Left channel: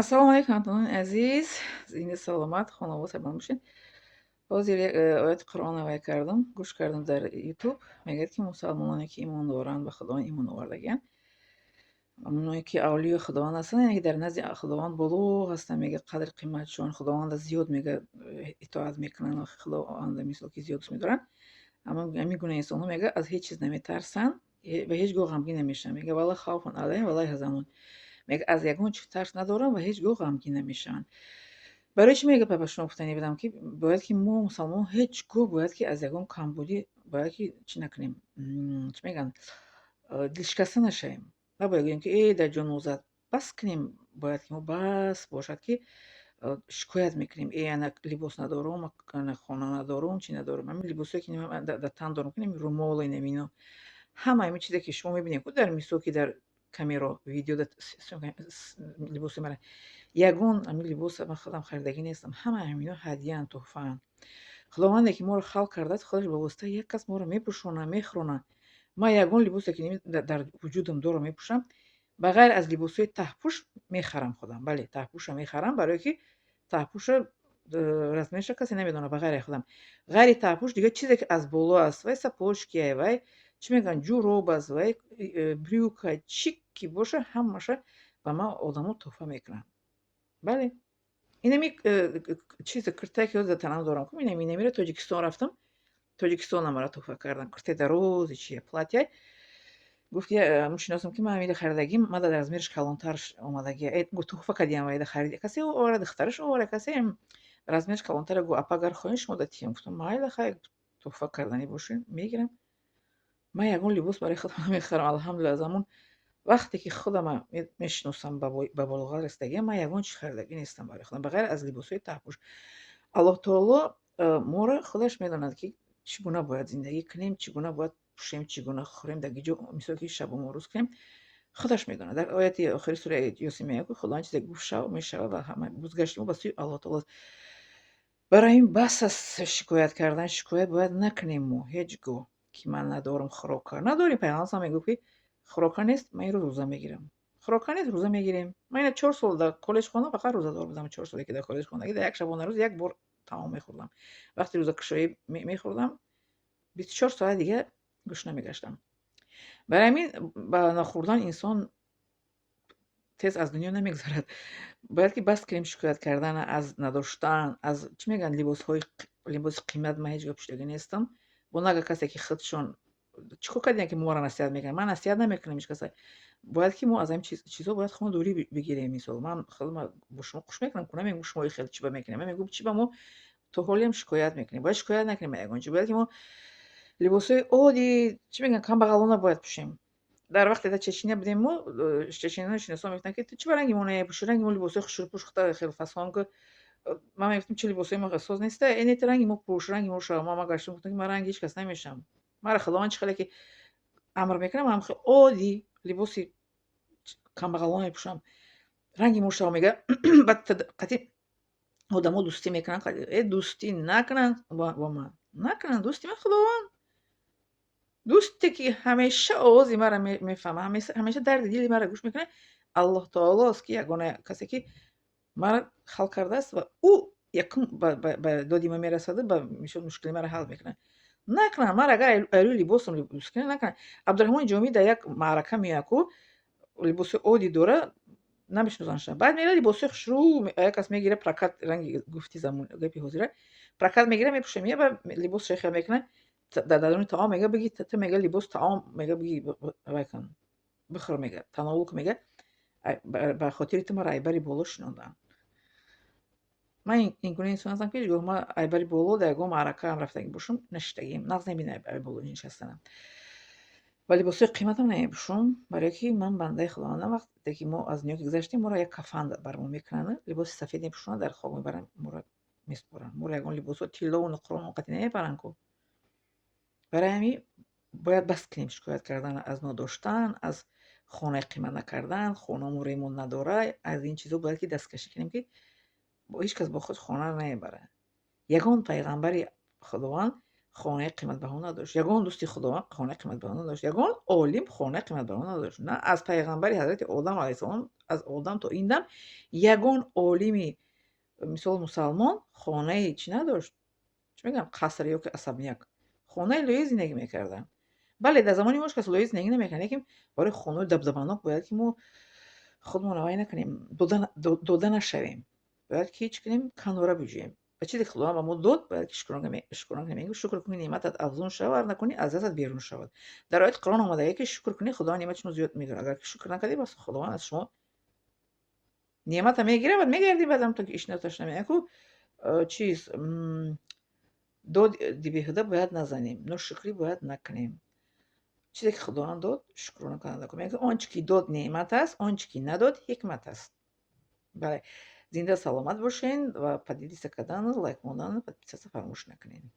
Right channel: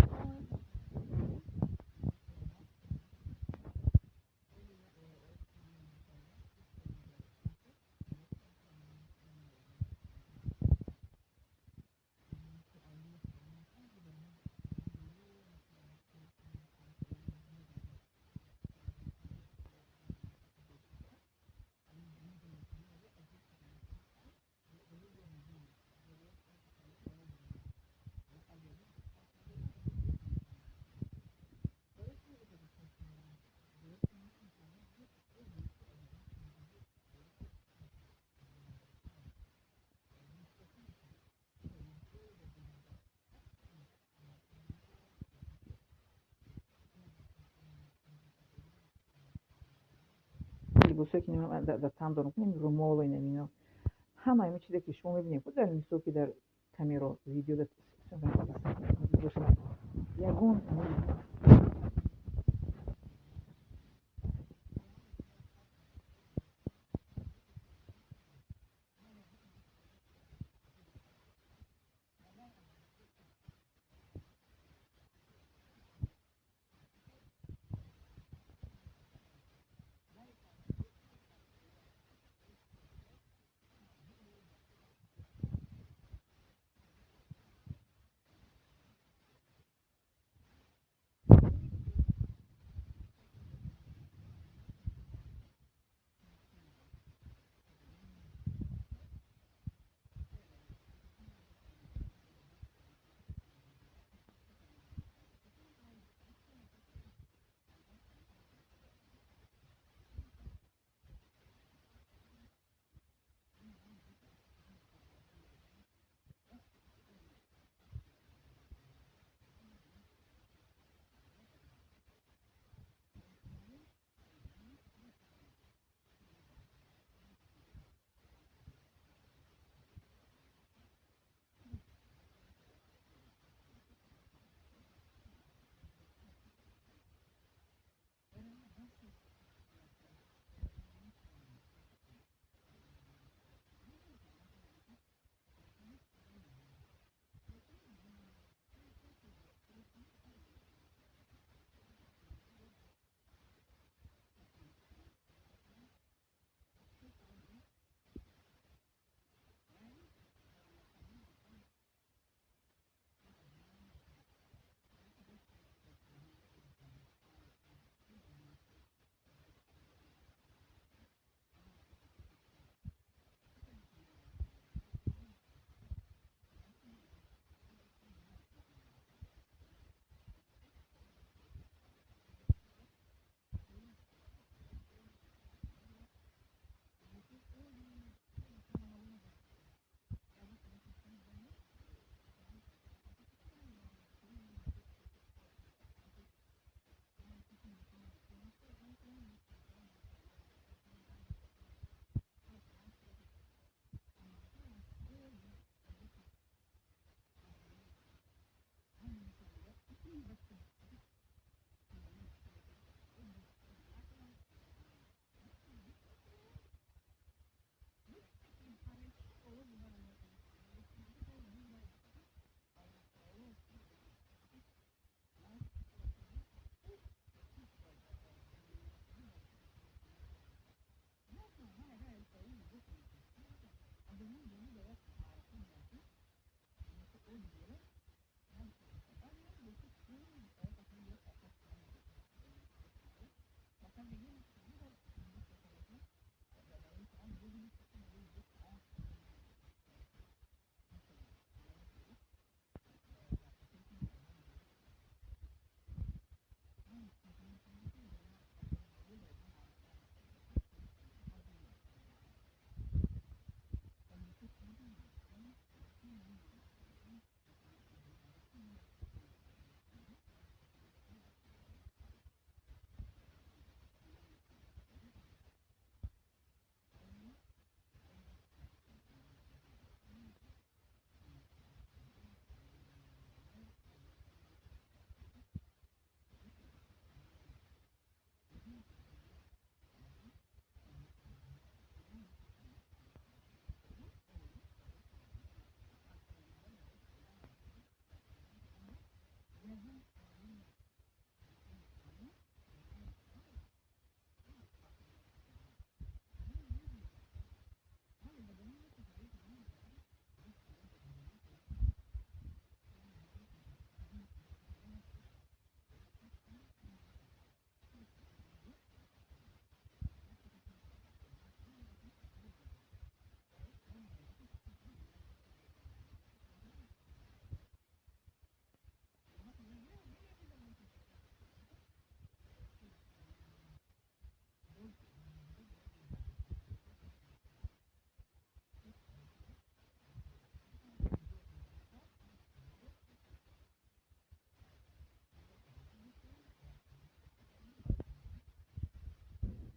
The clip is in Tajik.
Ассалому алейкум, ҳамтонини азиз, зинди саломат, хонавод сабан бошед. Ҳозир як ояти қуръона вай кардам, гӯш кардам дар ютуб. Мегӯяд ки мусалмононе ки имон доранд, ба худованд имон овардагиянд, ононе ки авлиёи худованд ҳастанд, яъне ки дар назди худованд боло ҳастанд, мега қадри қиматшон, худованда зиёд мега итоат мекунанд ва худованда мисол ки зиёд дӯст медоранд. Ҳамин гуна инсонҳо мега аз ҳеҷ чиз наметарсанд ва ҳеҷ гоҳ ғамгин намешаванд. Мега вала хавфун алайҳим ва ла яҳзанун. Мега аз ягон чиз тарс надоранд ва ҳеҷ гоҳ ғамгин намешаванд. Барои чӣ мега ба шумо гуфтанӣ будам, ки бояд ки мо мусалмонон ҳеҷ гоҳ бояд ки аз ягон камбудӣ бояд ки чӣ накунем, чӣ мегӯян, дилшикаста нашавем. Набояд гӯем ки дар ҷонозад. Бас кунем, бояд ки мо бас бошад ки шикоят мекунем. Ана либос надорум, ана хона надорум, чӣ надорум. Ҳамин либосое ки дар тан дорум, румолу инамино. Ҳама ҳамин чизе ки шумо мебинем дар мисол ки дар камеро, видеода либоси мара. Ягон ҳамин либоса ман худам харидагӣ нестам. Ҳама ҳамино ҳадияанд, тӯҳфаанд. Худованде ки моро халқ кардааст, худаш ба воситаи як кас моро мепӯшонад, мехӯронад. Ман ягон либосе ки дар вуҷудам дорам мепӯшам, ба ғайр аз либосҳои таҳпӯш мехарам худам. Бале, таҳпӯша мехарам, барое ки таҳпӯша размереша касе намедонад ба ғайри худам. Ғайри таҳпӯш дигар чизе ки аз боло аст, вай сапожкияй, вай чӣ мегӯянд, ҷуроб аст, вай брюка, чӣ ки боша, ҳамаша ба ман одамо тӯҳфа мекунанд. Бале, инами чизе куртае ки ҳозир дар танам дорам, инамиро Тоҷикистон рафтам, Тоҷикистонам мара тӯҳфа кардан. Куртаи дарози чия платяй. Гуфт ки мешиносам ки ман ҳамида харидагим, мада размериш калонтар омадагия. Тӯҳфа кардиям вайда хариди. Касе овара, духтараш овара, касе размериш калонтара. Гӯ апа агар хоҳем шумо датиҳем. Гуфтам майли хай, тӯҳфа карданӣ бошин, мегирам. Ман ягон либос барои худам намехарам. Алҳамдулилла, аз ҳамун вақте ки худама мешиносам ба булоғат расидагиам, ман ягон чиз харидагӣ нестам барои худам, ба ғайр аз либосҳои таҳпӯш. Аллоҳ таоло моро худаш медонад ки чӣ гуна бояд зиндагӣ кунем, чӣ гуна бояд пӯшем, чӣ гуна хӯрем, дар ки ҷо мисол ки шабому рӯз кунем, худаш медонад. Дар ояти охири сураи Ёсин мегӯяд ки худованд чизе гуфт шав мешавад ва ҳама бозгашти мо ба сӯи Аллоҳ таолост. Барои ин бас аст шикоят кардан. Шикоят бояд накунем мо ҳеҷ гоҳ, ки ман надорум хӯрока. Надорем, пайғамбар сам мегуфт ки хӯрока нест, ман инро рӯза мегирам. Хӯрока нест, рӯза мегирем. Ман ина 4 сол дар коллеҷ хондам, фақат рӯзадор будам. 4 соле ки дар коллеҷ хондагӣ, дар як шабона рӯз як бор таом мехӯрдам. Вақти рӯзакушоӣ мехӯрдам, 24 соат дига гӯшта мегаштам. Барои ҳамин ба нахӯрдан инсон тез аз дунё намегзарад. Бояд ки бас кунем шикоят кардан аз надоштан, аз чӣ мегӯянд, либоси қимат. Ман ҳеҷ гоҳ пӯшидагӣ нестам. Бо нага касе ки худшон чӣ кор кардем ки моро насиҳат мекунанд. Ман насиҳат намекунам ҳеҷ каса. Бояд ки мо аз ҳамин чизҳо бояд худамон дурӣ бигирем. Мисол ман худам бо шумо хуш мекунам, намегӯям шумо хеле чиба мекунем. Ман мегӯям чиба мо то ҳолиам шикоят мекунем. Бояд шикоят накунем ба ягон чиз. Бояд ки мо либосҳои оддӣ, чӣ мегӯянд, камбағалона бояд пӯшем. Дар вақте дар Чечня будем мо, чеченияно шиносон мегуфтанд ки ту чиба ранги мо намепӯшӣ? Ранги мо либосҳои хушрӯпӯш хеле фасон. Ман мегуфтам чӣ либосҳои мо эҳсос неста? Эне ту ранги мо пӯш, ранги мо шав. Ман гаштам гуфтам ки ман ранги ҳеҷ кас намешавам. Мара худованд чӣ хеле ки амр мекунад, ман хеле оддӣ либоси камбағалона мепӯшам. Ранги мо шав мега баъд қати одамо дӯстӣ мекунанд, дӯстӣ накунанд бо ман. Накунанд дӯсти ман худованд. Дӯсте ки ҳамеша овози мара мефаҳмад, ҳамеша дарди дили мара гӯш мекунад, Аллоҳ таолост, ки ягона касе ки мара халқ кардааст ва ӯ якум ба доди ман мерасаду ба мушкили мара ҳал мекунад. Накунанд, мара агар айрӯи либосам дӯст кунад, накунанд. Абдурраҳмони Ҷомӣ дар як маърака меояд ку либоси оддӣ дора, намешиносандша. Баъд мера либосҳои хушрӯ, як кас мегира прокат, ранги гуфти замон гапи ҳозира, прокат мегира мепӯша, меяд либос шехия мекунад. Дар даруни таом мега биги ту мега либос таом мега биги вай кун бихӯр мега тановул кун мега ба хотири ту мара айбари боло шинодаанд. Ман ин гуна инсон ҳастам ки ҳеҷ гоҳ ман айбари боло дар ягон маърака ҳам рафтагӣ бошам нашидагиам. нағз намебинам айбари боло нишастанам. Ва либосҳои қиматам намепӯшам, барое ки ман бандаи худовандам. Вақте ки мо аз дунё ки гузаштем, моро як кафан бар мо мекунанд, либоси сафед мепӯшонанд, дар хоб мебаранд, моро месупоранд. Моро ягон либосҳо тиллову нуқрон қати намебаранд ку. Барои ҳамин бояд бас кунем шикоят кардан аз нодоштан, аз хонаи қимат накардан, хонамо ремонт надора. Аз ин чизҳо бояд ки дасткашӣ кунем ки ҳеҷ кас бо худ хона намебарад. Ягон пайғамбари худованд خانه قیمت‌بها نداشت. یگان دوستی خداوند خانه قیمت‌بها نداشت. یگان عالم خانه قیمت‌بها نداشت. نه از پیغمبری حضرت آدم علیه السلام، از آدم تا این دم یگان عالمی مثال مسلمان خانه چی نداشت. چی میگم قصر یا که особняк خانه لوی زندگی میکردن. بله در زمانی ماش کس لوی زندگی نمیکنه که برای خانه دبدبانок باید که ما خودمون رو نکنیم دوده نشویم. باید که هیچ کنیم کناره بجویم. و چیزی که خدا به ما داد باید که شکران کنیم. شکر کنی نعمتت افزون شود نکنی از دستت بیرون شود. در آیت قرآن آمده که شکر کنی خدا نعمتشون زیاد میکنه. اگر که شکر نکردی بس خداوند از شما نعمت میگیره و میگردی بعدم تا که ایش نتاش نمیکنی. چیز داد بیهوده باید نزنیم. ناشکری باید نکنیم. چیزی که خداوند داد شکر کننده کنیم. یعنی آنچه که داد نعمت است، آنچه که نداد حکمت است. بله زنده سلامت باشین و پدیدی کردن لایک موندن подписаться فراموش نکنین.